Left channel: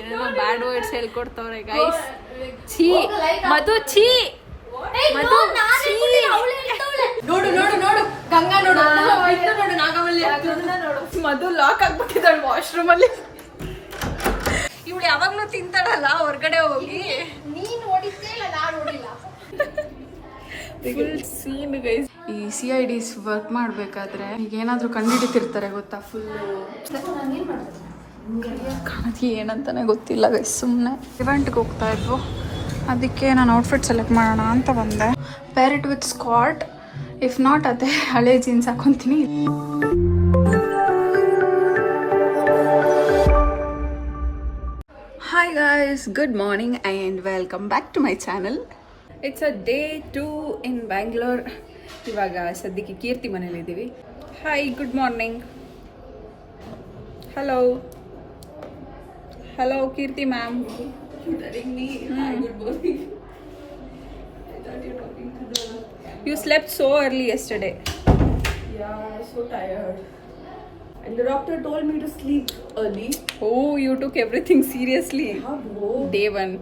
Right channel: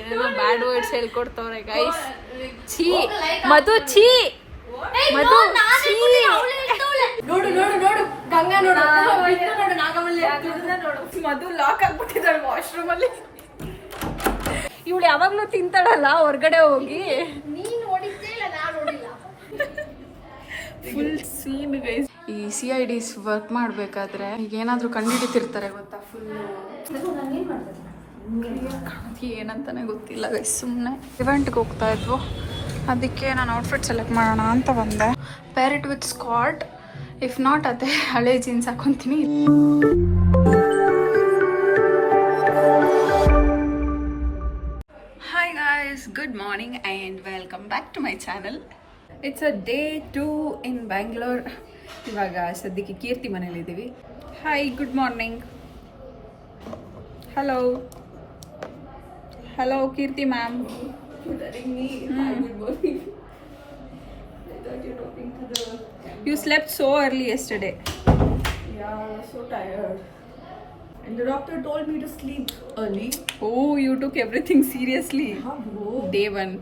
ಏನೇನೋ bad words ಹೇಳ್ಕೊಡ್ತವ್ರೆ guys. ಛೀ ಮಧು, ಛೀ ಮಧು, ನೋಡು ನೋಡು ನೋಡು ಗಂಗಾ ನೋಡು ನೋಡು ನಾಗಮಲ್ಲಿ ನೋಡು. ಮಧು ಲಾಕ್ ಆಗ್ಬಿಟ್ಟಿದ್ದಾಳೆ ವಾಶ್ರೂಮ್ ಅಲ್ಲಿ. ಇವಳು ಯಾವಾಗ್ಲೂ ತಿಂತಾಳಲ್ಲ ಹೊರಗಡೆ ಹೋಗಿ. ನೀನ್ ನೋಡಿದ್ದೇ ಇಲ್ಲ, ನಾನು ನೋಡಿಲ್ಲ. Full scene guys. ಈ CIDs ವರ್ಕ್ ಮಾಡ್ಬೇಕಾದ್ರೆ ಈಗ ಏನಾದ್ರು ಕಂಡುಹಿಡಿತಿರ್ತಾರೆ ಗೊತ್ತಾ, ಫುಲ್ ಏನಂತಾನೆ ಗೊತ್ತಿಲ್ಲ ಗೈಸ್. ಸುಮ್ಮನೆ ಇವೆಂಟ್ಗೆ ಹೋಗ್ತಾ ಇದ್ವು, ಅದಕ್ಕೆ ನಾನು ಔಟ್ಫಿಟ್ ಸೆಲೆಕ್ಟ್ ಮಾಡೋಣ ಅಂತ ಬಂದೆ. Pair it with skirt, if not ಅದೇ ಹಳೆ ಜೀನ್ಸ್ ಹಾಕೊತೀನಿ. Hi guys, good morning and welcome back to my channel. It's a day 2 in Bangalore. ಇವಾಗ ಸದ್ಯಕ್ಕೆ ಕೀರ್ತಿ ಮನೇಲಿದ್ದೀವಿ. Hi, good morning. Hello hello Keerthi ma'am. You slept so early yesterday. Yeah, so tired. And the doctor told me to sleep early. Oh, you took everything seriously. How? Day 1.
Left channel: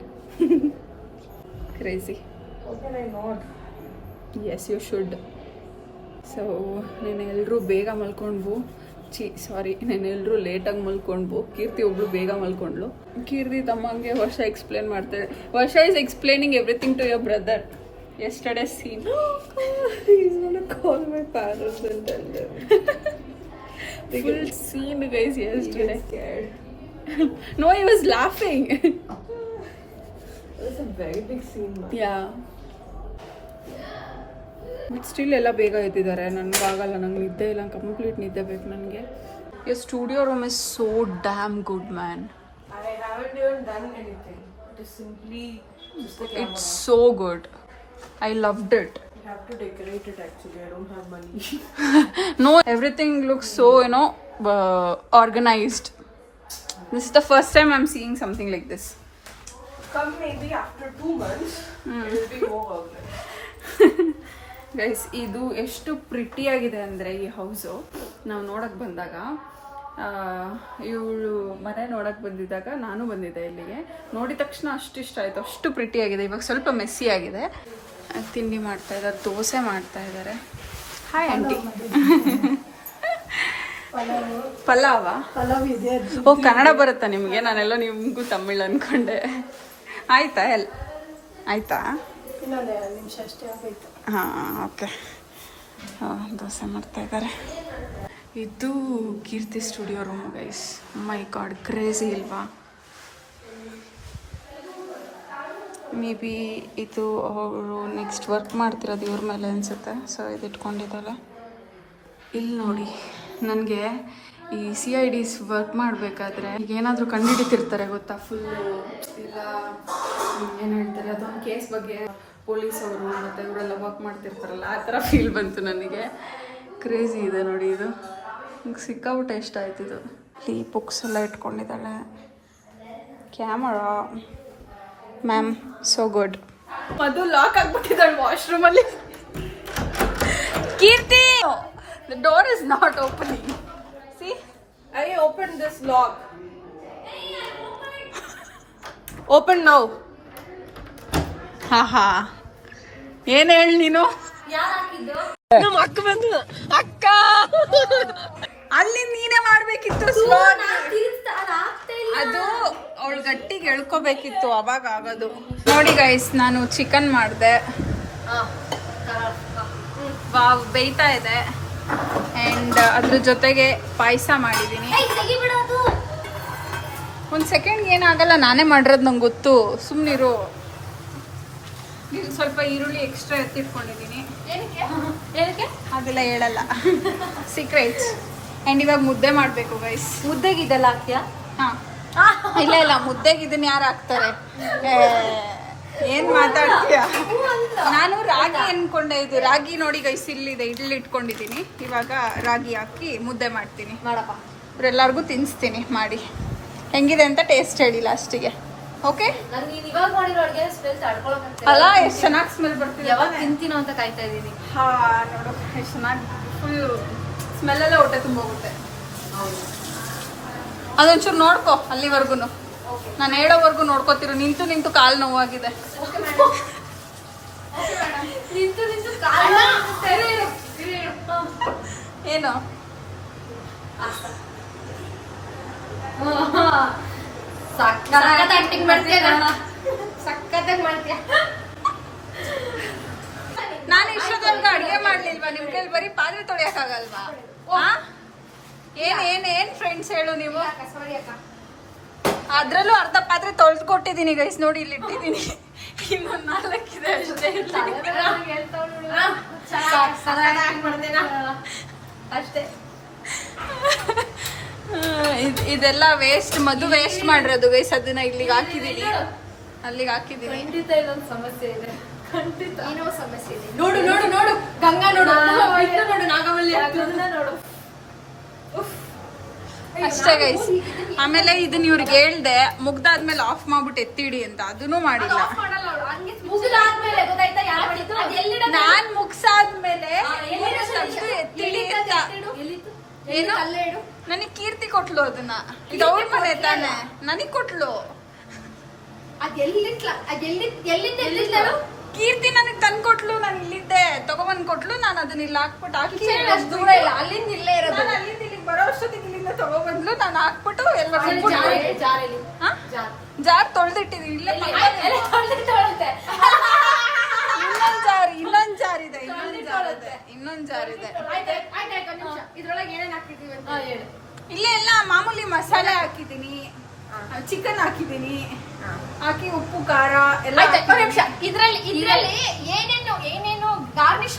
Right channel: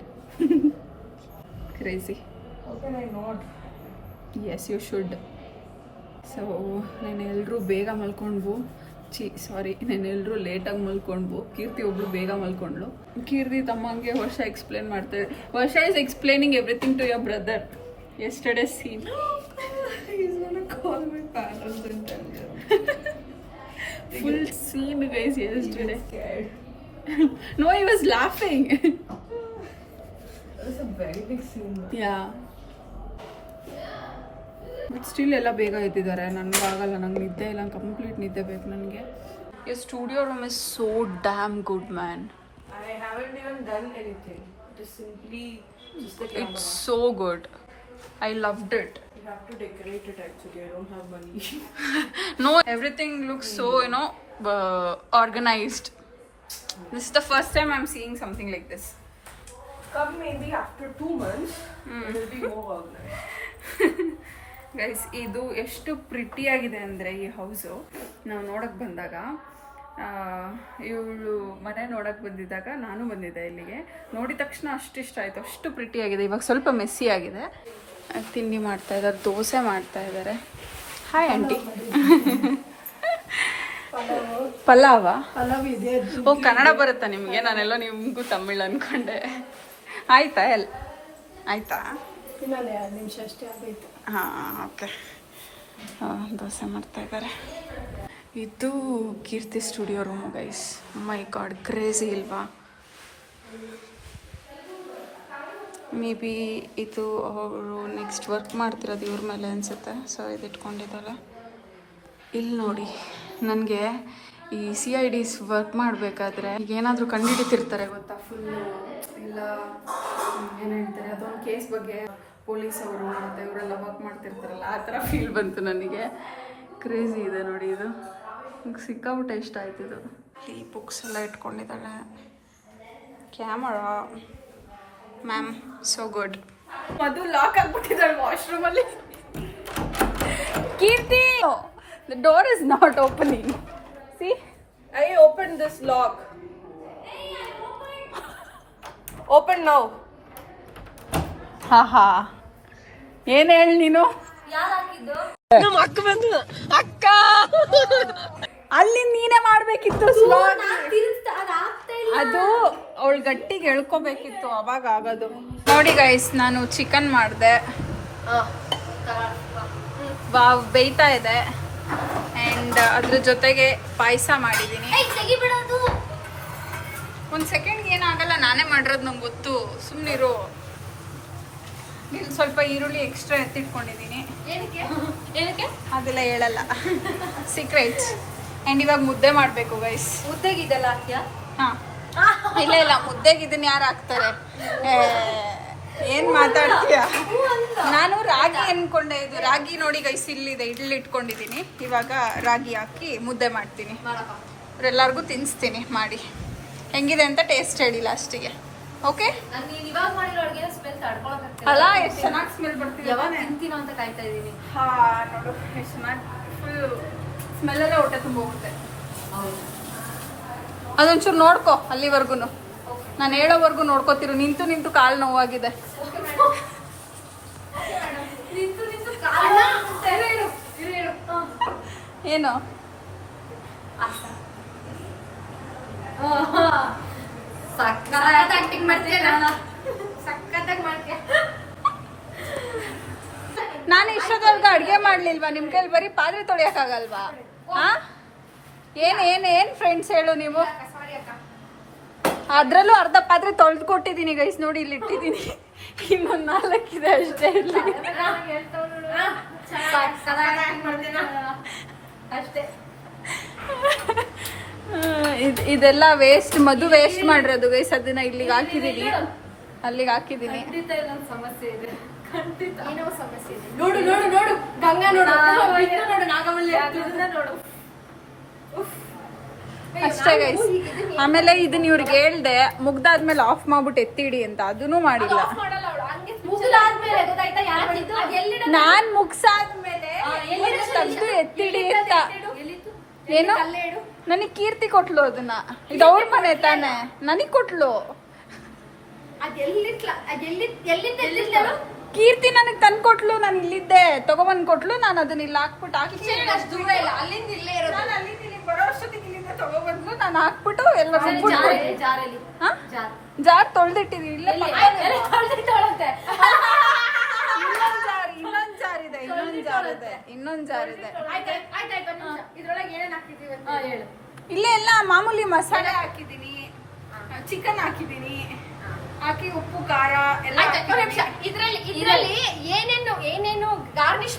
Crazy. How can I not? Yes, you should. So, ನೆನೆಲ್ಲರೂ ಬೇಗ ಮಲ್ಕೊಂಡ್ವು. ನೆನೆಲ್ಲರೂ ಲೇಟಾಗಿ ಮಲ್ಕೊಂಡ್ವು. ಕೀರ್ತಿ ಒಬ್ಳು ಬೇಗ ಮಲ್ಕೊಂಡ್ಲು. ಕೀರ್ತಿ ತಮ್ಮಂಗೆ ವರ್ಷ explain ಮಾಡ್ತಾರೆ. Varsha is explaining everything to your brother. Yesterday's scene. He's gonna call my parents and tell them. Full scene guys yesterday. He was scared. No, he was laughing. That's a very big scene. Yeah. But still ಎಲ್ಲ ಬೇಗ ಎದ್ದಿದ್ದಾರೆ. ನನಗಾಗಲ್ಲ, ನಂಗೆ ನಿದ್ದೆ ಇಲ್ಲ, complete ನಿದ್ದೆ ಬೇಕು ನನಗೆ. Your studio room is so damn good, man. I haven't even done anything. It is simply just the camera. It's so good. I loved it. You have to decorate it actually. I don't have money. No, everything looks so, organized. This is the first time I'm seeing something like this. Come maybe after 2 months, it will be more organized. Guys, ಇದು ಎಷ್ಟು ಪ್ರಿಟಿಯಾಗಿದೆ ಅಂದರೆ ಈ house. ನಾವು ನೋಡೋಕ್ಕೆ ಬಂದಾಗ, ಇವಳು ಮನೆ ನೋಡೋಕ್ಕೆ ಬಂದಿದ್ದಾಗ ನಾನು ಬಂದಿದ್ದೆ ಇಲ್ಲಿಗೆ. ನೋಡಿದ ತಕ್ಷಣ ಅಷ್ಟು ಇಷ್ಟ ಆಯಿತು, ಅಷ್ಟು ಪ್ರಿಟಿಯಾಗಿದೆ. ಇವಾಗ ಸ್ವಲ್ಪ ಮೆಸ್ಸಿ ಆಗಿದೆ. ತಿಂಡಿ ಮಾಡ್ತಾ ಇದ್ದಾರೆ, ದೋಸೆ ಮಾಡ್ತಾ ಇದ್ದಾರೆ. Hi aunty. ಪಲಾವ ಇದೆ. ಓ, ಕನ್ನಡ ಬರುತ್ತಾ ನಿಮಗೆ? ನಾನೆಲ್ಲ ನಿಮಗೂ ತಮಿಳ್ ಅಂದ್ಕೊಂಡೆ. ಆಯ್ತಾ ಆಯ್ತಾ? ನಿಮಿಷ ಅಷ್ಟೇ ಆಗೈತೆ. ಹಾಂ, ಓಕೆ. ದೋಸೆ ಮಾಡ್ತಾ ಇದ್ದಾರೆ. ಇದು ಕೀರ್ತಿ ಸ್ಟುಡಿಯೋ ರೂಮು ಗೈಸ್. ಮೈ ಗಾಡ್, ಕ್ರೇಜಿ ಇಲ್ವಾ? ಮೇ ಬಿ ಇದು ಅವರು ನೆಕ್ಸ್ಟ್ ವರ್ಕ್ ಮಾಡ್ತಿರೋದು ಇವ್ರ ಮೇಲೆ ಅನಿಸುತ್ತೆ. ಸೊ ಇದು ಇಟ್ಕೊಂಡಿದ್ದಾಳೆ. ಇಲ್ಲಿ ನೋಡಿ, ನನಗೆ ಈ CIDs ವರ್ಕ್ ಮಾಡಬೇಕಾದ್ರೆ ಈಗ ಏನಾದರೂ ಕಂಡುಹಿಡಿತಿರ್ತಾರೆ ಗೊತ್ತಾ, ಫುಲ್ಲು ಎಲ್ಲ ಏನು ಹೇಳ್ತಾರೆ, ಅದೊಂದು ಕೇಸ್ ಬಗ್ಗೆ ಪೊಲೀಸ್ ಅವರು ಮತ್ತು ಇವರೆಲ್ಲ ವರ್ಕ್ ಮಾಡ್ತಿರ್ತಾರಲ್ಲ, ಆ ಥರ ಫೀಲ್ ಬಂತು ನನಗೆ. ಕ್ರೇಜಿ ಇದೆ ನೋಡಿ ಇದು. ನಂಗೆ ಸಿಕ್ಕಾಬಿಟ್ಟೆ ಇಷ್ಟ ಆಯ್ತಿದು. ಈ ಬುಕ್ಸ್ ಎಲ್ಲ ಇಟ್ಕೊಂಡಿದ್ದಾಳೆ. Camera ma'am, so good. Madhu lock ಆಗ್ಬಿಟ್ಟಿದ್ದಾಳೆ ವಾಶ್ರೂಮಲ್ಲಿ. Keerthi, the door is not opening. See, I opened this lock. Open now. ಹಾ, ಏನ್ ಹೇಳಿ ನೀನು? ನಮ್ಮ ಅಕ್ಕ ಬಂದು, ಅಕ್ಕ ಅಲ್ಲಿ ನೀನೇ ಮಾಡ್ಬೇಕಿತ್ತು. ಅದು ಅವಳು ಗಟ್ಟಿಗೆ ಎಳ್ಕೋಬೇಕಿತ್ತು, ಅವಾಗ ಆಗೋದು. ನೋಡಿ ಗೈಸ್, ನಾನು ಚಿಕನ್ ಮಾಡಿದೆ. ವಾವ್, ಬೇಯ್ತಾ ಇದೆ. ಆ್ಯಂಡ್ ಅದ್ರ ಜೊತೆಗೆ ಪಾಯಸ ಮಾಡಿದ್ದೀನಿ. ಒಂದು ಸೆಕೆಂಡ್ ಏನಾಗಲ್ಲ, ನಾನೇ ಮಾಡಿರೋದು ನಂಗೆ ಗೊತ್ತು, ಸುಮ್ಮನಿರು. ಇಲ್ಲಿ ಸ್ವಲ್ಪ ಈರುಳ್ಳಿ ಎಕ್ಸ್ಟ್ರಾ ಎತ್ತಿಟ್ಕೊಂಡಿದ್ದೀನಿ. ಅದೆಲ್ಲ ಹೇಳಲ್ಲ, ಸೀಕ್ರೆಟ್ಸ್. ಆ್ಯಂಡ್ ಇವಾಗ ಮುದ್ದೆ ಮಾಡಬೇಕು ಗೈಸ್. ಮುದ್ದೆಗೆ ಇದೆಲ್ಲ ಹಾಕ್ತೀಯಾ? ಹಾಂ, ಇಲ್ಲ, ಮುದ್ದೆಗೆ ಇದನ್ನ ಯಾರು ಹಾಕ್ತಾರೆ? ಏನು ಮಾತಾಡ್ತೀಯ? ನಾನು ರಾಗಿ ಅನ್ಕೊಂಡೆ. ಇದು ರಾಗಿ ನೋಡಿ ಗೈಸ್, ಇಲ್ಲಿದೆ, ಇಡ್ಲಿ ಇಟ್ಕೊಂಡಿದ್ದೀನಿ. ಇವಾಗ ರಾಗಿ ಹಾಕಿ ಮುದ್ದೆ ಮಾಡ್ತೀನಿ. ಇವರೆಲ್ಲರಿಗೂ ತಿನ್ನಿಸ್ತೀನಿ ಮಾಡಿ. ಹೆಂಗಿದೆ ಅಂತ ಟೇಸ್ಟ್ ಹೇಳಿ ಲಾಸ್ಟಿಗೆ. ಓಕೆ ಅಲ್ಲ, ಎಷ್ಟು ಚೆನ್ನಾಗಿ ಸ್ಮೆಲ್ ಬರ್ತಿದೆ. ತಿಂತೀನೋ ಅಂತ ಕಾಯ್ತಾ ಇದ್ದೀನಿ. ಹಾ, ನೋಡು ಎಷ್ಟು ಚೆನ್ನಾಗಿ, ಫುಲ್ ಸ್ಮೆಲ್ಲಲ್ಲೇ ಹೊಟ್ಟೆ ತುಂಬೋಗುತ್ತೆ. ಅದೊಂಚೂರು ನೋಡ್ಕೊ ಅಲ್ಲಿವರೆಗೂ ನಾನು ಹೇಳೋವರೆಗೂ ನೋಡ್ಕೋತಿರು. ನಿಂತು ನಿಂತು ಕಾಲು ನೋವಾಗಿದೆ. ಏನು ನಾನು ಇಷ್ಟೊತ್ತವರೆಗೂ ಅಡುಗೆ ಮಾಡ್ಲಿಲ್ವಾ? ನಿಮ್ ಕೈಲಿ ಬರೀ ಪಾತ್ರೆ ತೊಳೆಯಕ್ಕಾಗಲ್ವಾ? ಏನ್ ಫ್ರೆಂಡ್ಸ್ ಹೇಳು ನೀವು. ಅದ್ರಲ್ಲೂ ಅರ್ಧ ಪಾತ್ರೆ ತೊಳೆದು ಕೊಟ್ಟಿದ್ದೀನಿ ಗೈಸ್, ನೋಡಿ ಇಲ್ಲಿ ಇಟ್ಟಿದ್ದೀನಿ. ಇನ್ನೊಂದು 4 ಇದೆ ಅಷ್ಟೇ. ಅಷ್ಟೇ. ಇದೆಲ್ಲ ವೇಸ್ಟ್, ಮಧು ವೇಸ್ಟ್ ಮಾಡಿರೋದು ಗೈಸ್. ಅದನ್ನ ಇಲ್ಲಿಗೆ ಹಾಕಿದೀನಿ, ಅಲ್ಲಿಗೆ ಹಾಕಿದೀನಿ. ಸಮಸ್ಯೆ ಇದೆ, ಖಂಡಿತ ಏನೋ ಸಮಸ್ಯೆ ಇದೆ. ನೋಡು ನೋಡು ನೋಡು, ಗಂಗಾ ನೋಡು, ನೋಡು ನಾಗಮಲ್ಲಿ ನೋಡು. ಅಷ್ಟೇ ಗೈಸ್. ಆಮೇಲೆ ಇದನ್ನ ಇವ್ರಿಗೆ ಹೇಳ್ದೆ, ಮುಗ್ದಾದ್ಮೇಲೆ ಆಫ್ ಮಾಡ್ಬಿಟ್ಟು ಎತ್ತಿಡಿ ಅಂತ, ಅದನ್ನು ಮಾಡಿಲ್ಲ. ನಾನ್ ಮುಗ್ಸಾದ್ಮೇಲೆ ಎತ್ತಿಡಿ ಅಂತ ಏನು ನನಗ್ ಕೀರ್ತಿ ಕೊಟ್ಲು ಅದನ್ನ. ಇದು ಅವ್ರ ಮನೆ ತಾನೆ, ನನಗ್ ಕೊಟ್ಲು. ಕೀರ್ತಿ ನನಗ್ ತಂದ್ ಕೊಟ್ಲು, ನಾನು ಇಲ್ಲಿದ್ದೆ ತಗೊಬಂದ್ ಕೊಟ್ಲು. ನಾನು ಅದನ್ನ ಇಲ್ಲಿ ಹಾಕ್ಬಿಟ್ಟು ಹಾಕಿ ಅಲ್ಲಿಂದ ಇಲ್ಲೇ ಇರೋದು. ಅಲ್ಲಿಂದ ಇಲ್ಲಿಗೆ ಬರೋ ಅಷ್ಟೊತ್ತಿಗೆ ಇಲ್ಲಿಂದ ತಗೊಬಂದ್ಲು. ನಾನು ಹಾಕ್ಬಿಟ್ಟು ಎಲ್ಲ ರುಬ್ಬಿಟ್ಟು ಜಾರ್ ತೊಳ್ದಿಟ್ಟಿದೀನಿ. ಇಲ್ಲ ಇನ್ನೊಂದ್ ಜಾರ್ ಇದೆ. ಇಲ್ಲೇ ಎಲ್ಲ ಮಾಮೂಲಿ ಮಸಾಲೆ ಹಾಕಿದೀನಿ, ಚಿಕನ್ ಹಾಕಿದೀನಿ, ಹಾಕಿ ಉಪ್ಪು ಖಾರ ಎಲ್ಲ. ಇದ್ರಲ್ಲಿ ಏನೇನು ಗಾರ್ನಿಶ್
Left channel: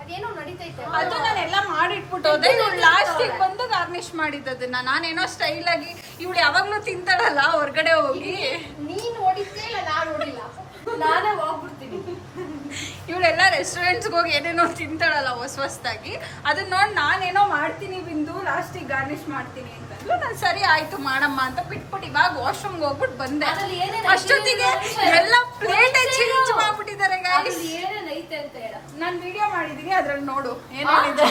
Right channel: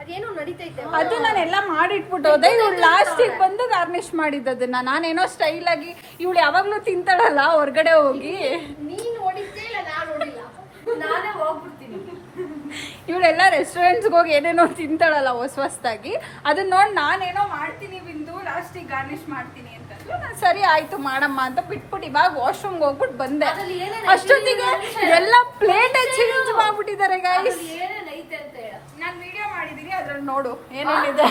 ಅದೇನೋ ನಡೀತೈತೆ. ಅದು ನಾನೆಲ್ಲ ಮಾಡಿಟ್ಬಿಟ್ಟೆ. ಲಾಸ್ಟಿಗೆ ಬಂದು ಗಾರ್ನಿಶ್ ಮಾಡಿದ್ದದನ್ನ. ನಾನೇನೋ ಸ್ಟೈಲ್ ಆಗಿ, ಇವಳು ಯಾವಾಗ್ಲೂ ತಿಂತಾಳಲ್ಲ ಹೊರಗಡೆ ಹೋಗಿ. ನೀನ್ ನೋಡಿದ್ದೆ ಇಲ್ಲ, ನಾನ್ ನೋಡಿಲ್ಲ, ನಾನೇ ಹೋಗ್ಬಿಡ್ತೀನಿ. ಇವಳೆಲ್ಲ ರೆಸ್ಟೋರೆಂಟ್ಸ್ಗೆ ಹೋಗಿ ಏನೇನೋ ತಿಂತಾಳಲ್ಲ ಹೊಸ್ತಾಗಿ, ಅದನ್ನ ನೋಡಿ ನಾನೇನೋ ಮಾಡ್ತೀನಿ ಬಿಂದು, ಲಾಸ್ಟಿಗೆ ಗಾರ್ನಿಶ್ ಮಾಡ್ತೀನಿ ಅಂತಂದ್ರು. ನಾನು ಸರಿ ಆಯ್ತು ಮಾಡಮ್ಮ ಅಂತ ಬಿಟ್ಬಿಟ್ಟು ಇವಾಗ ವಾಶ್ರೂಮ್ಗೆ ಹೋಗ್ಬಿಟ್ಟು ಬಂದೆ. ಅಷ್ಟೊತ್ತಿಗೆ ಎಲ್ಲ ಪ್ಲೇಟೇ ಚೇಂಜ್ ಮಾಡ್ಬಿಟ್ಟಿದ್ದಾರೆ ಗಾಯ್ಸ್. ಏನೇನೈತೆ ಅಂತ ಹೇಳ. ನಾನು ವಿಡಿಯೋ ಮಾಡಿದೀನಿ, ಅದ್ರಲ್ಲಿ ನೋಡು ಏನೇನಿದೆ.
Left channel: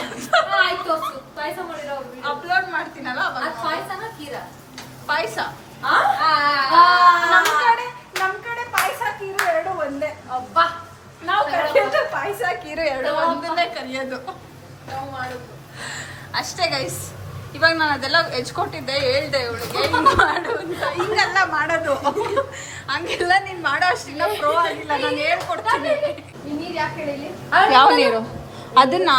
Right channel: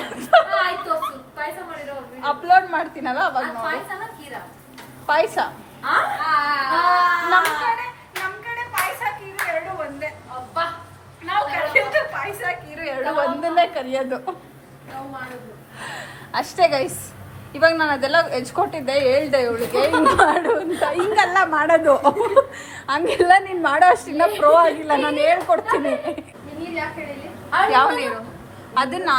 ಆಯ್ತು, ಪಾಯಸ ಮಾಡಿರೋ ಅಪ್ಲೋಡ್ ಮಾಡ್ತೀನಲ್ಲ ಅವಾಗ. ಪಾಯಸನ ಕೀರಾ? ಪಾಯಸ ನಮ್ ಕಡೆ ಪಾಯಸ ಕೀರು ಎರಡು ಒಂದೇ. ಅಬ್ಬಾ, ನಾವು ಕಲಿಯೋದು ಪಾಯಸ ಕೀರು ಎರಡು ಒಂದನ್ನೇ ಕಲಿಯೋದು. ನಾವು ಮಾಡುದು ಅಷ್ಟೇ ಗೈಸ್. ಇವಾಗ ನಾನು ಅದೆಲ್ಲ ಹೆಚ್ಕೊಟ್ಟಿದ್ದೆ, ಹೇಳ್ದೆ ಇವಳಿಗೆ ಹಿಂಗ್ ಮಾಡು ಅಂತ. ಹಿಂಗೆಲ್ಲ ಮಾಡೋದು ಹಂಗೆಲ್ಲ ನೀನ್ ಮಾಡೋ ಅಷ್ಟಿನ್ನ ಪ್ರೋ ಆಗಿಲ್ಲ, ನಾನು ಹೇಳ್ಕೊಡ್ತೀನಿ. ನೀರ್ ಯಾಕೆ ಹೇಳಿಲಿ? ಯಾವ ನೀರು? ಅದನ್ನ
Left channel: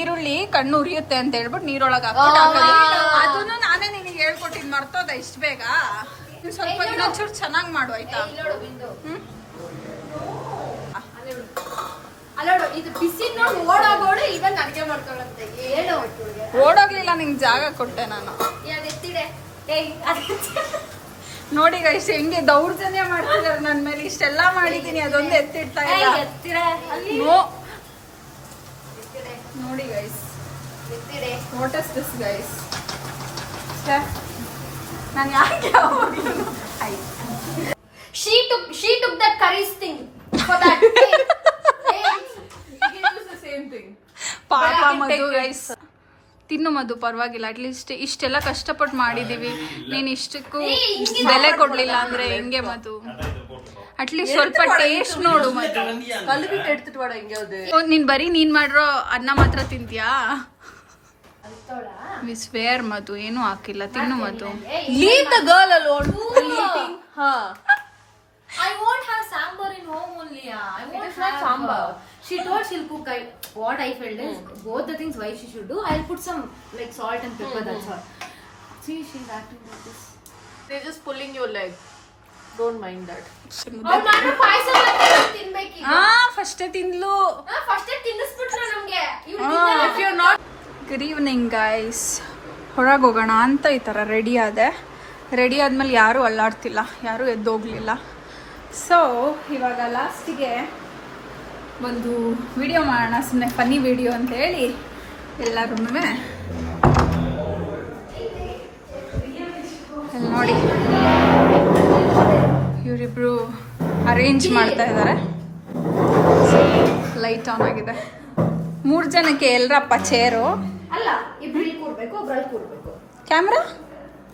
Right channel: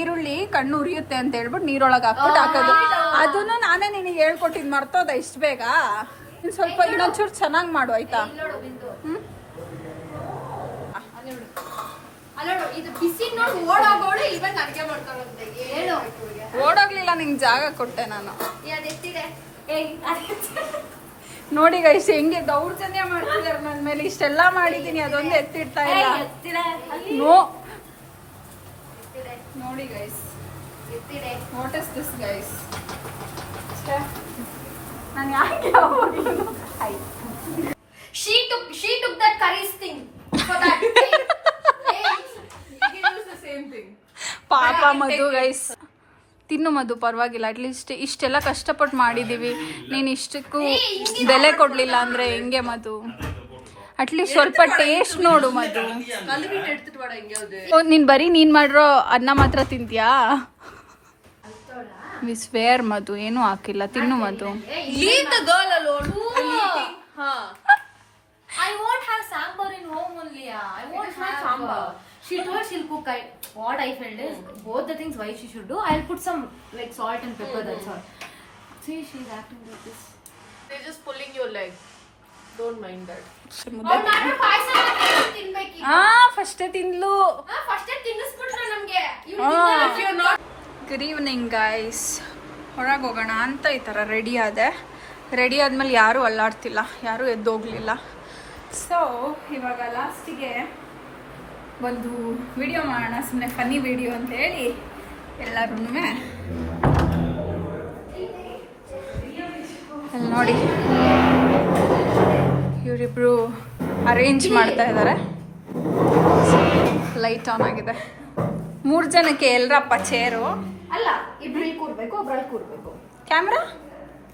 ಈರುಳ್ಳಿ ಕಣ್ಣು ಉರಿಯುತ್ತೆ ಅಂತ ಹೇಳ್ಬಿಟ್ಟು ನೀರೊಳಗೆ ಹಾಕ್ಬಿಟ್ಟು ಹಾಕೋದು. ಅದನ್ನು ನಾನೇ ನಿನಗೆ ಹೇಳ್ಕೊಟ್ಟಿದ್ ಮರ್ತೋದ ಇಷ್ಟ ಬೇಗ. ಸ್ವಲ್ಪ ಇನ್ನೊಂಚೂರು ಚೆನ್ನಾಗಿ ಮಾಡು ಆಯ್ತಾ? ಅಲ್ಲೋಡು, ಇದು ಬಿಸಿ ನೋಡಿ ಓಡೋಗೋಡು. ಇವಾಗ ಅಡ್ಗೆ ಮಾಡ್ಕೊಳ್ಳುತ್ತೆ. ಏನು ಓಡೋಗ್ಲಿಲ್ಲ, ನಿಂಗೆ ಜಾಗ ಕೊಟ್ಟೆ ನಾನು. ಎತ್ತಿಡೆ. ನೋಡಿ ಗೈಸ್ ಹೆಂಗೆ ದೌರ್ಜನ್ಯ ಮಾಡ್ತಿದಾರೆ ನನ್ನ ಮೇಲೆ. ಇಷ್ಟೆಲ್ಲ ಮಾಡಿದೀನಿ, ಅದೊಂದು ಎತ್ತಿಡ್ತಾ ಇಲ್ಲ. ನೋ ನೋಡಿ guys, what is this guys? ನಾನು ಯಾಕೆ ಯಾವಾಗಲೂ she took that curry thing for that. ಪಾಪ ಮಧು ಗೈಸ್. ತಿನ್ನು ಮಧು, ಪರವಾಗಿಲ್ಲ. ಅಟ್ಲೀಸ್ಟ್ ಇಷ್ಟೆಲ್ಲ ಕಷ್ಟಪಟ್ಟು ಮಾಡಿದೀವಿ, ನೀನ್ ಇಷ್ಟಕ್ಕೂ ಬೆಲೆ ಕೊಡ್ಲಿಲ್ಲ ಅಂದ್ರೆ ಹೆಂಗೆ ಮಧು? ಅಟ್ಲೀಸ್ಟ್ ಸ್ವಲ್ಪ ಟೇಸ್ಟ್ ನೋಡು ಮಧು. ನೀನ್ ಬರೀ ನೀನ್ ಮಾಡಿರೋ ಅನ್ನ ಮಾತ್ರ ತಿಂತೀಯಾ? ವಿಸ್ವೇರ್ ಮಧು, ಏನು ಹಾಕಿಲ್ಲ. ತಿನ್ನು ಮಧು. Leave the girl alone. Eating. I won't have sambar in home only. I won't have sambar. She told she'll cook. What I felt is both the things why she should do. I'll put some like salt and pepper. That's all. See, she's acting like this. They're just pulling your leg. Don't mind that. ನಾನು ಪಾಯಸ ತಿನ್ಬೇಕು. ಫಸ್ಟೇ ತಿನ್ಲು. ಫಸ್ಟೇ ತಿನ್ನಿಸ್ಬಿಟ್ರು ನಮ್ಗೆ. Good evening guys. ಹೊರಗೆ ಹೋಗೋಣ ಅಂತ ಈ ಥರ ರೆಡಿ ಆದೆ. ರೆಡಿ ಆದ್ಮೇಲೆ ಯಾರೂ ಅಲ್ಲಾಡ್ತಿಲ್ಲ, ಯಾರೂ ಎದ್ದೋಗ್ಲಿಲ್ಲ. ಸೊ ಇವಾಗ ಲಾಸ್ಟಿಗೆ ಒಂದು ವಿಡಿಯೋ ಮಾಡೋಣ, ಸುಮ್ಮನೆ ಫನ್ನಿ ವಿಡಿಯೋ ಅಂತ ಹೇಳಿ ಎಲ್ಲರೂ. ಅಲ್ಲಿ ನೋಡಿ ಇವರಿಬ್ರು ಅರೇಂಜ್ ಮಾಡ್ತಾ ಇದ್ದಾರೆ. ಲೈಟ್ ಆನ್ ಆಗಿದೆ. 3 ಜನಕ್ಕೆ ಎಲ್ರಪ್ಪ ಚೇರು? ಅಲ್ಲ, ಇಬ್ರು ಕೂರ್ಬೇಕು. ಕೂರ್ಬೇಕು, ಒಬ್ರಲ್ಲಿ ಕೂರ್ಬೇಕು. ಕ್ಯಾಮ್ರಾ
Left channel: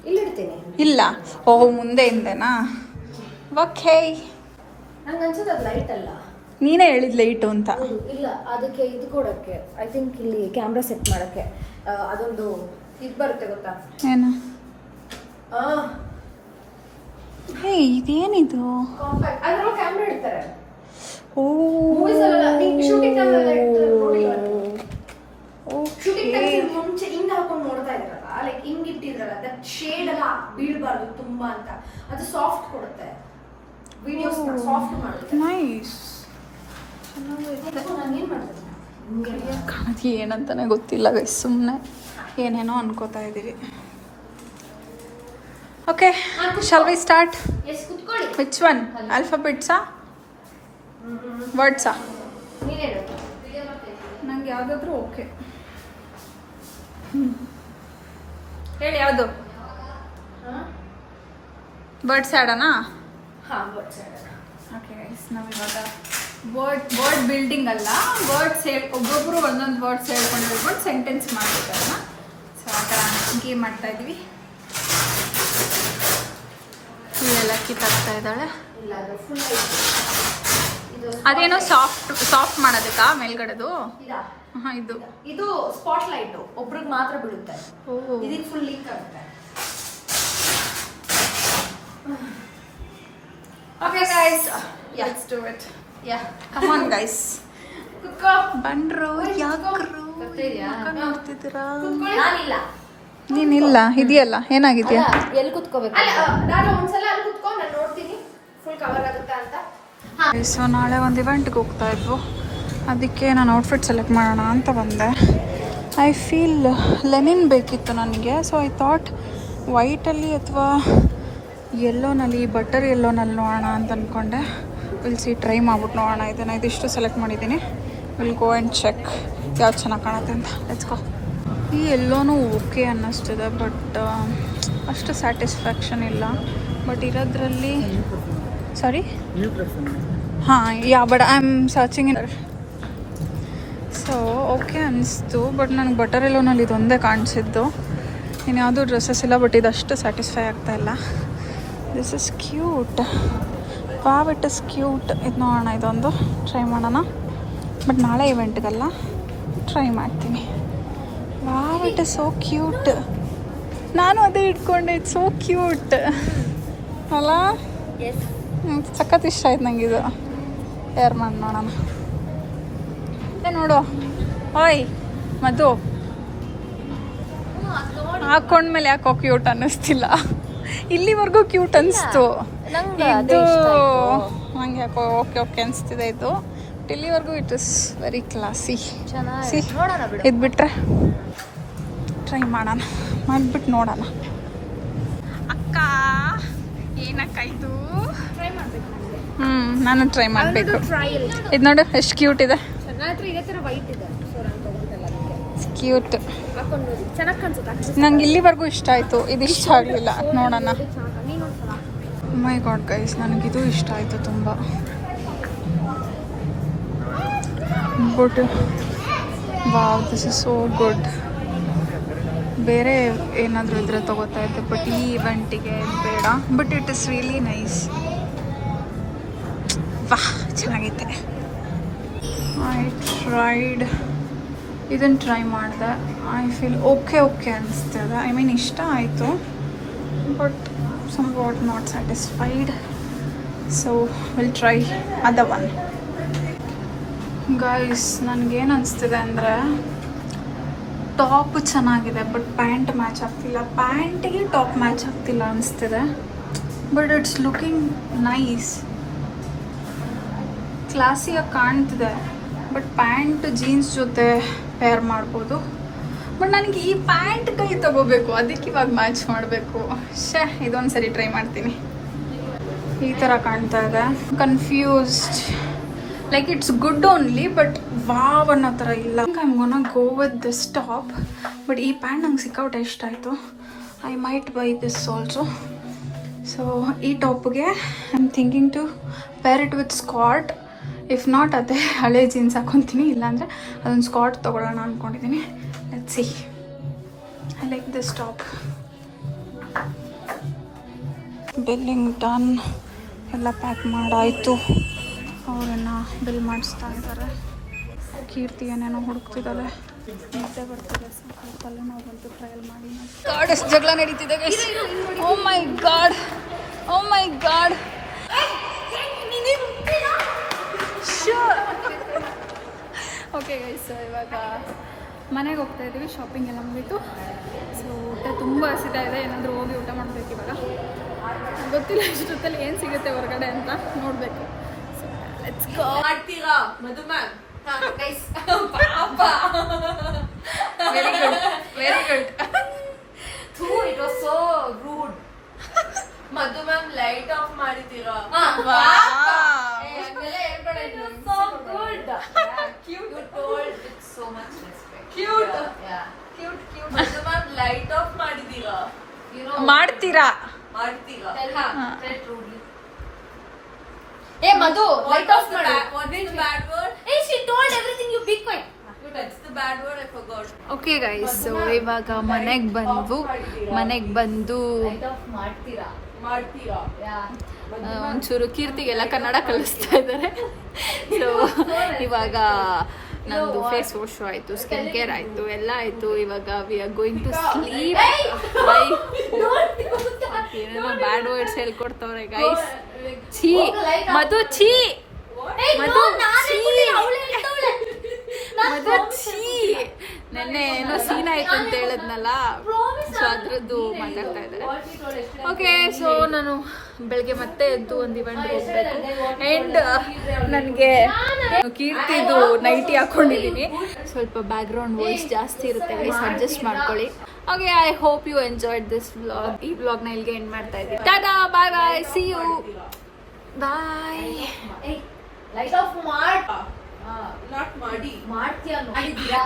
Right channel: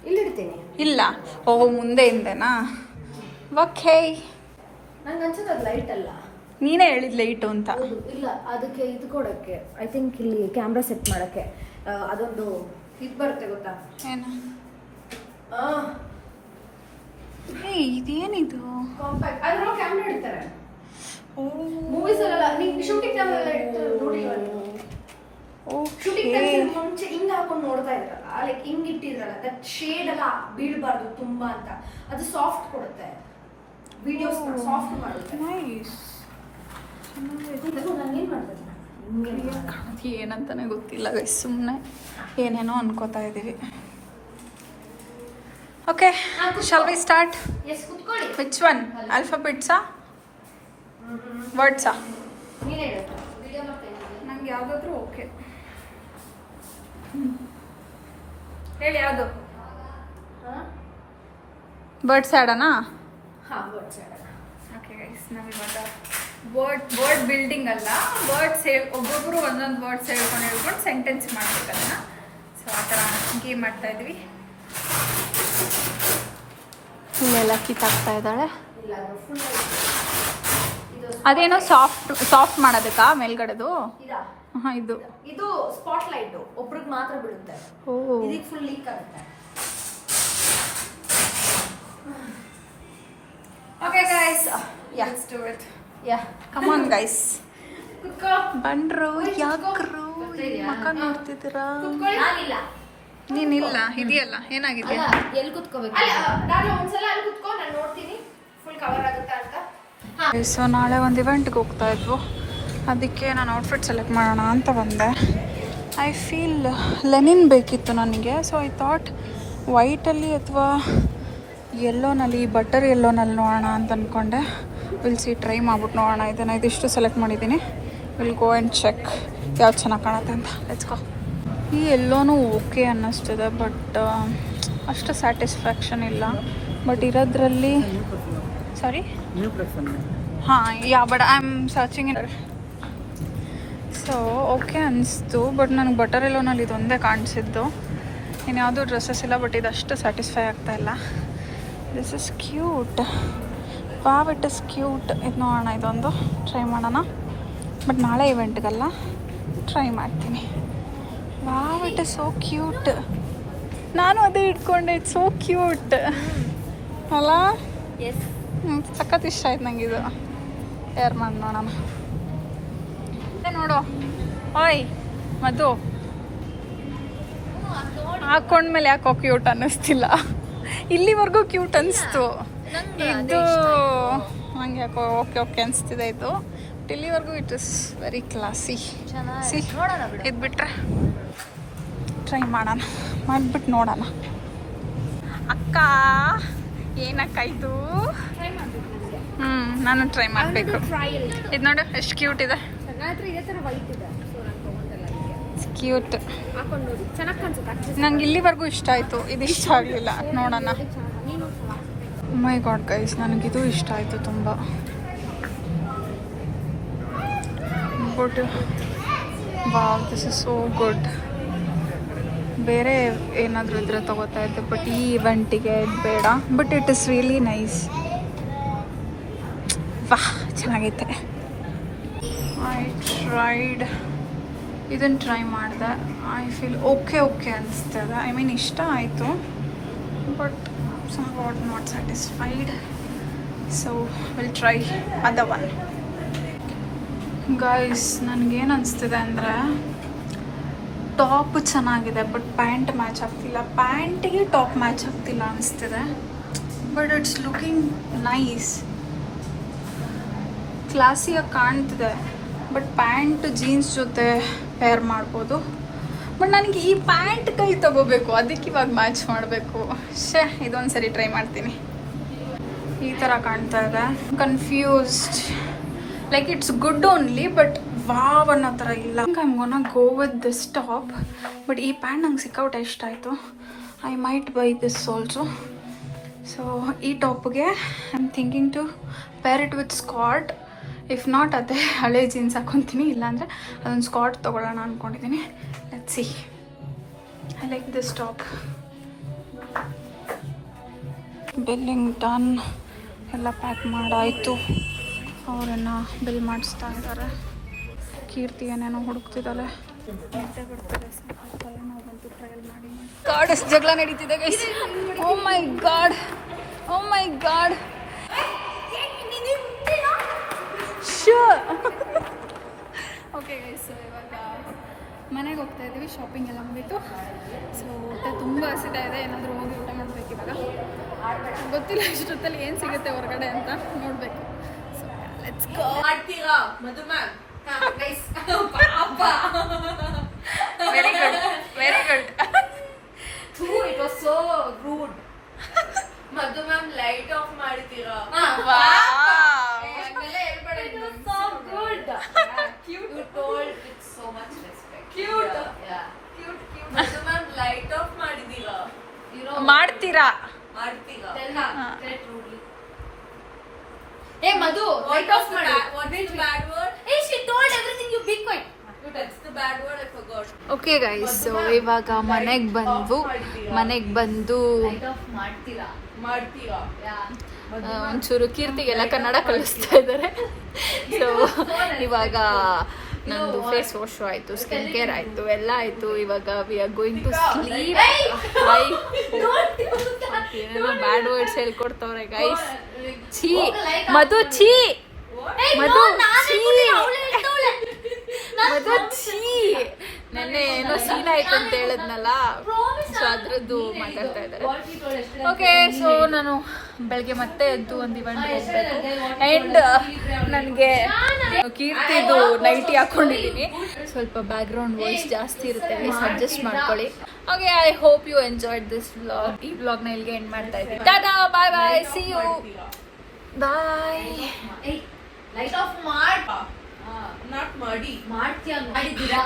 ಇಲ್ಲಿ ಇಡ್ತೀನಿ. ಇಲ್ಲ, ಓ ಮುಂದೆ ಹಿಂದೆನಾ? ಓಕೆ. ನಂಗೆ ಅನ್ಸುತ್ತೆ ಅದು ಲೈಟ್ ಅಲ್ಲ, ನೀನೇ ಹೇಳಿದ್ ಲೈಟು ಅಂತ. ಇಲ್ಲ, ಅದಕ್ಕೆ ಇದು ಕೊಡೋಕ್ಕೆ ಐ ಥಿಂಕ್ ಇಲ್ಲಿ ಕ್ಯಾಮ್ರಾ ಸೆಟ್ ಮಾಡೋಕ್ಕೆ ಅದೊಂದು ಇದು ಬರುತ್ತೆ ಗೊತ್ತಾ? ಏನು? ಹೇ, ಇದೇನಿದು? ಕಾಂಪ್ಯಾಕ್ಟ್ ಅದ್ರೊಳಗೆ ಕ್ಯಾಮ್ರಾ ಇಡ್ತಾರೆ. ಓ, ಮೂವೀಸ್ ಅಲ್ಲ, ನೀವು ಶೂಟಿಂಗ್ ಟೈಮಲ್ಲಿ ನೋಡಿ. ಓಕೆ. ಮುಂಚೆ ಹಿಂಗ್ ಹಾಕೊಂಡು ನೋಡ್ತಾ ಇದ್ರಲ್ಲ, ಲೈಕ್ ಹಿಂಗ್ ಇಟ್ಟಿದ್ರಲ್ಲ, ದಟ್ ಶೇಡ್ ಎಲ್ಲ ಬೀಳಬಾರ್ದು ತುಂಬಾ ಅಂತ, ಅದು ಸಾಫ್ಟ್ ಕೊಡುತ್ತೆ. ವಿಡಿಯೋಸ್ ಸಾಫ್ಟ್ ಮಾಡುತ್ತೆ. ನೈಸ್. ಕಾಣತಿ ಏನಂತಾನೆ ಗೊತ್ತಿಲ್ಲ ಗೈಸ್, ಸುಮ್ಮನೆ ಏನೇನೋ ಅನ್ಕೋತಾ ಇದ್ದೀವಿ. Okay, shall we start? Yes, ಕುತ್ಕೊಳ್ಳಿ. Which one? ಆಲ್ಫಾಬೆಟ್ಸಾ ವರ್ಡ್ಸಾ? ನೀನೇ ನಂಗೆ ಯಾವುದಾದ್ರೂ ಓಕೆ. ಹೇಳಿ ಯಾವುದು? ಬರ್ಡ್ಸ್ ಆಡೋಣಾ? ಹಾಂ, ವರ್ಡ್ಸ್ ಓಕೆ ಗೈಸ್, ನಾವಿವಾಗ ವರ್ಡ್ ಬಿಲ್ಡಿಂಗ್ ಅಲ್ಲ, ವರ್ಡ್ಸ್ ಒಬ್ಬೊಬ್ಬರು ಒಂದೊಂದು ವರ್ಡ್ಸ್ ಹೇಳ್ಕೊಂಡು ಸೆಂಟೆನ್ಸ್ ಮಾಡ್ಬೇಕಲ್ಲ. ಸೊ ಆ ಥರ ಗೇಮ್ ಮಾಡ್ತಾ ಇದ್ವಿ. ಇಲ್ಲೆಲ್ಲ ಕಿತ್ತಾಗ್ತಾ ಇದ್ದಾಳೆ. ಅದೇನೋ ಸಾಫ್ಟ್ ಮಾಡೋದಕ್ಕಾ ಮೇಲ್ಗಡೆದು? ಹಾಂ, ಇದು ಸ್ಪಾಟ್ ಲೈಟ್ ಒಬ್ರಿಗೆ ಮಾತ್ರ ಬೀಳುತ್ತೆ. ಓ, ಇದಕ್ಕೆ ಫುಲ್ ಲೀಕ್ ಆಗುತ್ತೆ. Okay guys, let's do it. Come on guys. ಕುತ್ಕೋ. ಬಂದ್ರು ಯಾಕ್ರು ಮಕ್ಕ ನೋಡ್ತಿದ್ದೀರಾ? ನಾನಿಲ್ಲ. ನೀನಿಲ್ಲ, ಇದೆಯಲ್ಲ, ಏನಾಗಿದೆಯಾ? ಎಲ್ಲಿ ಕುತ್ಕೋಬೇಕು? ನಾನು ಒಂದ್ಸಲ ಅಲ್ಲಿ ಕುತ್ಕೋ, ನಾನು ನೋಡ್ತೀನಿ ಫುಲ್ ಕವರ್ ಆಗುತ್ತಾ ಅಂತ. ಸೊ ನಾಳೆ ಒಂದು ಇವೆಂಟ್ಗೆ ಹೋಗ್ತಾ ಇದ್ವು, ಅದಕ್ಕೆ ನಾನು ಔಟ್ಫಿಟ್ ಸೆಲೆಕ್ಟ್ ಮಾಡೋಣ ಅಂತ ಬಂದೆ. ಐ ಫೀಲ್ ಲೆನಿನ್ ಬೇಕಿತ್ತು ನನಗೆ. ಸೊ ಐ ಥಾಟ್ ವೈಟಲ್ಲಿ ಅಥವಾ ಯೆಲ್ಲೋನಲ್ಲಿ, ಬಟರ್ ಯೆಲ್ಲೋನಲ್ಲಿ ನೋಡೋಣ ಅಂತ ಅಂದ್ಕೊಂಡೆ. ವಿಲ್ ಸಿ, ಟ್ರೈ ಮಾಡ್ಬಿಟ್ಟು ನೋಡೋಣ. ಇದನ್ನು ಇದಿಷ್ಟು ಸೆಲೆಕ್ಟ್ ಮಾಡಿದ್ದೀನಿ. ವಿಲ್ ಗೋ ಆ್ಯಂಡ್ ಚೆಕ್ ಯಾವ್ದು ಚೆನ್ನಾಗಿ ಕಾಣುತ್ತೆ ಅಂತ. Let's go. ಈ ಎಲ್ಲೋನೂ ಓಕೆ ಅನ್ನಿಸ್ತಿದೆ, ಬಟ್ ಅಷ್ಟು ಸ್ಯಾಟಿಸ್ಫ್ಯಾಕ್ಷನ್ ಇಲ್ಲ. ಬಟ್ ಇರೋದ್ರಲ್ಲಿ ಸಾರಿ, ಹಾಂ, yeah, but I am searching. So okay ಅನಿಸ್ತು, ಬಟ್ ನನಗೆ ಬಟರ್ ಎಲ್ಲೋನಲ್ಲಿ ಇದೊಂದೇ ಕಾಣಿಸಿದ್ದು. ಇನ್ನು ಯಾವುದೂ ಡ್ರೆಸ್ಸಸ್ ಇಲ್ಲ, ಬಟ್ ಇದಷ್ಟು ಸ್ಯಾಟಿಸ್ಫೈ ಆಗ್ತಾ ಇಲ್ಲ. This is cute. Wow, it is cute. ಇದು ನೋಡೋಣ, ಇದೊಂದು ಟ್ರೈ ಮಾಡೋಣ. ಬಟ್ ನಾಳೆ ಇವೆಂಟ್ಗಲ್ಲ, ಟ್ರೈ ಮಾಡ್ತೀನಿ. Wow, it is so cute. ನಾನು ಅದೇ ಇಟ್ಕೊಂಡೆ. ಇಟ್ಸ್ ಸೋ ಕ್ಯೂಟ್ ಅಲ್ಲ? ಸಖತ್ ಇಷ್ಟ ಆಯ್ತು ನಂಗೆ ಇದು. ಏರ್ ಮಾಡಿ ನೋಡೋಣ. ನೋಡು, ಓಯ್ ಮಧು, ಹಾಕೊಂಡ್ಮೇಲೆ ಯಾಕೋ ಕ್ಯೂಟ್ ಅನ್ನಿಸ್ತಿಲ್ಲ. ಇಲ್ಲಿವರೆಗೂ ಕ್ಯೂಟ್ ಅನಿಸ್ತು. ಇದು ನಂಗೆ ಯಾಕೋ ಓಕೆ ಓಕೆ ಅನಿಸ್ತಿದೆ. ಇದು ಇಲ್ಲಿವರೆಗೂ it is very classy. C, ಇದು ಬಿಟ್ರೆ ಟ್ರೈ ಮಾಡೋಣ, ಮಾಡಿಬಿಟ್ಟು ನೋಡೋಣ. ಅಕ್ಕ, ಏನಕ್ಕ ಇದು? ಟ್ರೈ ಮಾಡ್ಬೇಕು ನನಗೆ. ನಾನು ಟ್ರೈ ಮಾಡಬೇಕು. ಇದು ನೋಡು ಎಷ್ಟು ಕ್ಯೂಟ್ ಇದೆ. ಚೆನ್ನಾಗಿ ಇದೇ ಥರ ವೈಟ್ ಇದೆ. ಸೊ ನಾನು ತೊಗೊಂಡಲ್ಲ, ಅದಕ್ಕೆ ಕ್ಯೂಟ್. ಹಾಕೊಂಡು ನೋಡಿ, ಚೆನ್ನಾಗಿ ಕಾಣಿಸುತ್ತೆ. ನಂಗೆ ಇಲ್ಲಿವರೆಗೂ ಇಷ್ಟ ಆಯಿತು, ಇದು ಇಷ್ಟ ಆಗಲಿಲ್ಲ. ನೋಡೋಣ. ನೀನೊಂದ್ಸಲ. ಮೈ ಗಾಡ್ ಗೈಸ್, ನನಗಿದು ಇಷ್ಟ ಆಯಿತು ತುಂಬ. But wow, this is so good. ಬೇರೆ ಏನಾದರೂ ಇದ್ರೆ ತೊಗೋತಾ ಇದ್ದೆ, ಬಟ್ ಈ ಇವೆಂಟಿಗೆ ಬೇಡ. But it is really nice. ವಾಹ್, ಚೆನ್ನಾಗೈತೆ. ಐ ಟ್ರೈಡ್, ಇದನ್ನು ಟ್ರೈ ಮಾಡಿದೆ. ಐ ಫೀಲ್ ಓಕೆ ಓಕೆ ಅನಿಸ್ತದೆ. ಐ ಮೀನ್ ಇಷ್ಟ ಆಯಿತು, but somewhat not satisfied, so we'll try other one. Guys, ನನಗೇನು ಅನಿಸ್ತಿದೆ ಅಂದರೆ ಟಾಪ್ ಚೆನ್ನಾಗಿದೆ, ಬಟ್ ಪ್ಯಾಂಟ್ ಮ್ಯಾಚ್ ಆಗ್ತಿಲ್ಲ. ಪ್ಯಾಂಟಿಗೆ ಟಾಪ್ ಮ್ಯಾಚ್ ಆಗ್ತಿಲ್ಲ ಅನಿಸ್ತಿದೆ. ಬಟ್ ಇಟ್ಸ್ ಲುಕಿಂಗ್ ನೈಸ್, ಕ್ಲಾಸಿಯಾಗಿ ಕಾಣ್ತಿದೆ. ಬಟ್ ಪ್ಯಾಂಟ್ ಜೀನ್ಸ್ ಜೊತೆ ಪೇರ್ ಮಾಡ್ಬೋದು. ಬಟ್ ನನಗೆ ಈ ಪ್ಯಾಂಟ್ ಕೈ ತಗೋಬೇಕು, ಅದಕ್ಕೆ ಇವಾಗ ಮ್ಯಾಚ್ ಮಾಡಬೇಕು. ಇದೊಂದು ಸರಿ ಟ್ರೈ ಮಾಡ್ತೀನಿ. ಈ ಥರ ಕಾಣ್ತಾ ಇದೆ. Confused, like it's good only, but wow ಅನ್ನೋ ಥರ ಇಲ್ಲ. I am gonna go with this top. But ಈ ಪ್ಯಾಂಟ್ ನಂಗೆ ಸಿಕ್ಕಾಪಟ್ಟೆ ಇಷ್ಟ ಆಯಿತು. I might buy this also. So ಈ ಟಾಪ್ಗೆ I am thinking to pair it with skirt. If not ಅದೇ ಹಳೆ ಜೀನ್ಸ್ ಹಾಕೊತೀನಿ, ಇಲ್ಲಾಂದರೆ ಅದೊಂದು ಸ್ಕಾಟ್ ತೊಗೊಳ್ಳೋಣ ಅಂದ್ಕೊಂಡಿದ್ದೀನಿ. Let's see. I like this top. Billing done, ಎಲ್ಲ ಪ್ಯಾಕ್ ಮಾಡಾಯಿತು. ಅವರನ್ನು ಬಿಲ್ ಮಾಡಿಸ್ತಾ ಇದ್ದಾರೆ. ಕೀರ್ತಿ ಏನೇನೋ ಹುಡುಕ್ತಿದ್ದಾಳೆ. ನಿದ್ದೆ ಬರ್ತಿದೆ, ಸಾಕಾಗ್ತಲ್ಲ. ನಾವು ಬಂತು ಟ್ರಯಲ್ ಮಾಡಿ ಗಾಡ್ ಎಷ್ಟು ಜಗಳ ನಡೀತಿದೆ ಗೈಸ್. ಓ ಮೈ ಗಾಡ್, ಓ ಮೈ ಗಾಡ್. ಓಕೆ ಗೈಸ್, ಇವಾಗ ಮನೆಗೆ ಹೋಗ್ತಾ ಇದ್ದೀವಿ. ಶಾಪಿಂಗ್ ಎಲ್ಲ ಮುಗೀತು. ಸೊ ಊಟ ತುಂಬ ಹಸಿತಾ ಇದೆ. ಏನಾದರೂ ಹೋಗಿ ಊಟ ಮಾಡಬೇಕು ಇವಾಗ. ಗೊತ್ತಿಲ್ಲ ಇಷ್ಟೊತ್ತಲ್ಲಿ ಏನು ಸಿಗುತ್ತೆ ಹೊರಗಡೆ ಅಂತ, ನೋಡಬೇಕು. So let's go. ಮಾಡ್ತೀರಾ ಮಧು ಮ್ಯಾಮ್? ನೈಸ್ ಪಾಪ. Very good, very good. It was so rude. Madhu ma'am light off ಮಾಡಿದ್ದೀರಾ? So good. Cute. You told with so much respect. Cute. Yeah. Cute. Mother ma'am, light off ಮಾಡಿದೀರಾ? You know. ಮಾಡ್ತೀರಾ? Tell her. Tell rudely. Hey Madhu, light off ಮಾಡಿ. What is the bad word? Hey, she told everything. You be quiet. That's the bad word. I forgot. Okay guys, so ಇವಾಗ ಮನೆಗೆ ಬಂದು Light off ಮಾಡ್ತೀರಾ? Yeah. ಒಂಚೂರು ಕೀರ್ತಿಗೆಲ್ಲ ಕನ್ನಡ ಕಲಿಸ್ತಾ ಇದ್ದಾರೆ. So ಇವಾಗ ನಂದು ಫೇಸ್ ವಾಶ್ ಆಯಿತು, ಸ್ಕಿನ್ ಕೇರ್ ಆಯಿತು, ಎಲ್ಲ ಆಯಿತು. ಇವಾಗ we are going to sleep. ಏನೇನೋ ಬ್ಯಾಡ್ ವರ್ಡ್ಸ್ ಹೇಳ್ಕೊಡ್ತವ್ರೆ ಗೈಸ್. ಛೀ ಮಧು, ಛೀ ಮಧು, ಮಧು ಛೀ. ನೆನ್ನೆ ಏನೋ ಸೀನ್ ಆಯ್ತು ಅಂತ ಹೇಳಿದ್ನಲ್ಲ, ಸೊ ಅದ್ರದ್ದು ಮಾತಾಡ್ತಾ ಇದ್ದಾರೆ. ಓಕೆ, ಸೊ ನಾನು ಬೆಳಗ್ಗೆ ಮತ್ತೆ ಎದ್ದು ಒಂದು ಇವೆಂಟ್ಗೆ ಹೋಗ್ಬೇಕು. ಆ್ಯಂಡ್ ನನಗೆ ಕೀರ್ತಿದು ನೈಟಿ ಹಾಕ್ಕೊಂಡಿದ್ದೀನಿ. ಸ್ವಲ್ಪ ಬ್ಯಾಕ್ಗ್ರೌಂಡ್ ವಾಯ್ಸ್ ಜಾಸ್ತಿ ಇರುತ್ತೆ ಗೈಸ್, ಅಡ್ಜಸ್ಟ್ ಮಾಡ್ಕೊಳ್ಳಿ. Okay, I hope you enjoyed this vlog. ಈ ವ್ಲಾಗ್ನ ಇಲ್ಲಿಗೆ ಎಂಡ್ ಮಾಡ್ತಾ ಇದ್ದೀನಿ. Tata, bye bye, see you, bye. Light off ಮಾಡ್. ನಾಟ್ ಮಾಡಿ. ಮಾಡ್ತೀಯಾ? ಮಾಡಿದ್ದೀರಾ?